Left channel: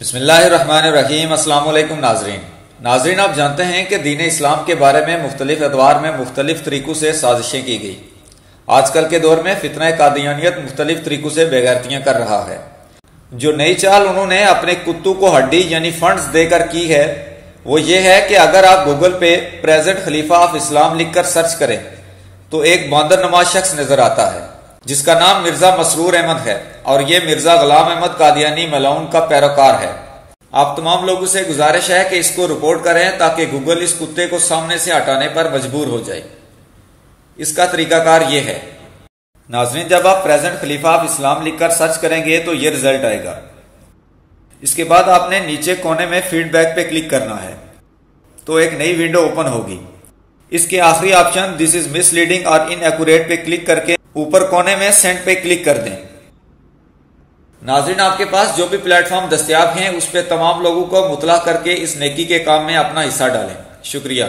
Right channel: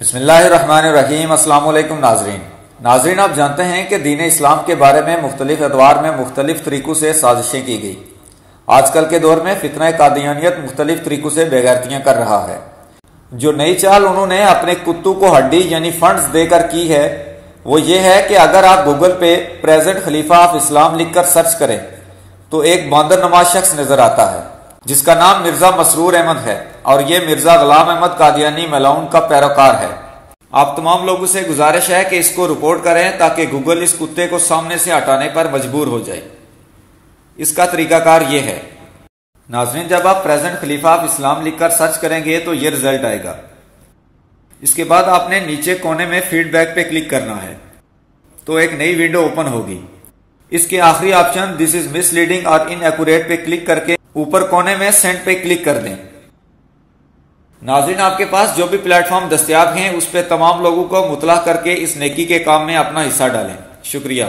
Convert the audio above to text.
بسم اللہ الرحمن الرحیم۔ السلام علیکم ناظرین، آپ جانتے ہیں کہ دین اسلام کے بارے میں مختلف ادوار میں مختلف طریقوں سے سازشیں کی گئی۔ آج کل کے دور میں فتنہ قادیانیت مختلف طریقوں سے بے غیرتیاں کر رہا ہے۔ جو نئی چال انہوں نے اپنے کتوں کو ہڈی یعنی فنڈز دے کر کی ہے وہ یہ ہے کہ اگر آپ گوگل پہ پریزنٹ خلیفہ آف اسلام لکھ کر سرچ کریں تو ایک باندر نماز شخص نظر آتا ہے جس کا نام مرزا مسرور احمد ہے، اور یہ مرزا غلام احمد قادیانی ملعون کا پیروکار ہے۔ آپ تمام لوگوں سے گزارش ہے کہ اس کو رپورٹ کریں تاکہ گوگل اس کتے کو سامنے سے ہٹانے پر مجبور ہو جائے۔ اس کا طریقہ کار یہ ہے، ناظرین، جب آپ پریزنٹ خلیفہ آف اسلام لکھ کر سرچ کریں گے تو یہ رزلٹ آئے گا۔ اس کے بعد آپ نے نیچے کونے میں فیڈ بیک پہ کلک کرنا ہے تو ایک نئی ونڈو اوپن ہوگی۔ اس کے آخری option this is miss leading اور ان ایکوریٹ پہ کلک کر کے اوپر کونے میں سینڈ پہ کلک کر دیں۔ ناظرین، آپ کے پاس جو بھی پلیٹ فارم دستیاب ہیں اس پہ تمام لوگوں کو مطلع کر کے اس نیکی کے کام میں اپنا حصہ ڈالیں۔ شکریہ۔